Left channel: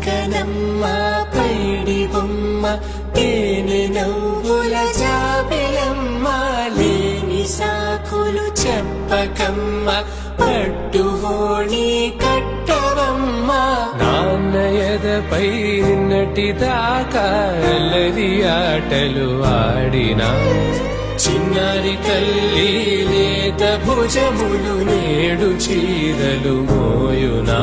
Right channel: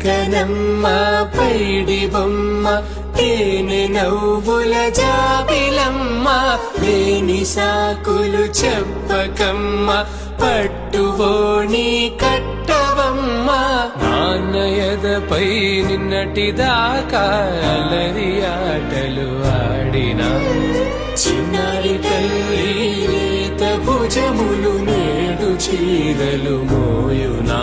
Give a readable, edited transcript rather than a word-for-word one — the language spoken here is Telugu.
చుక్కనమ్మ పైడి బొమ్మ తేనె నవ్వుల జాబిలమ్మ లేని సాకులు చెప్పకమ్మ పట్టుబోణి కట్టవమ్మ నాన్నయదపై నిన్నటిదాకా అల్లరి ఆటలు ఆడినా చిన్నారి తల్లి లేత భుజములు నేడు చీరలు మోయునా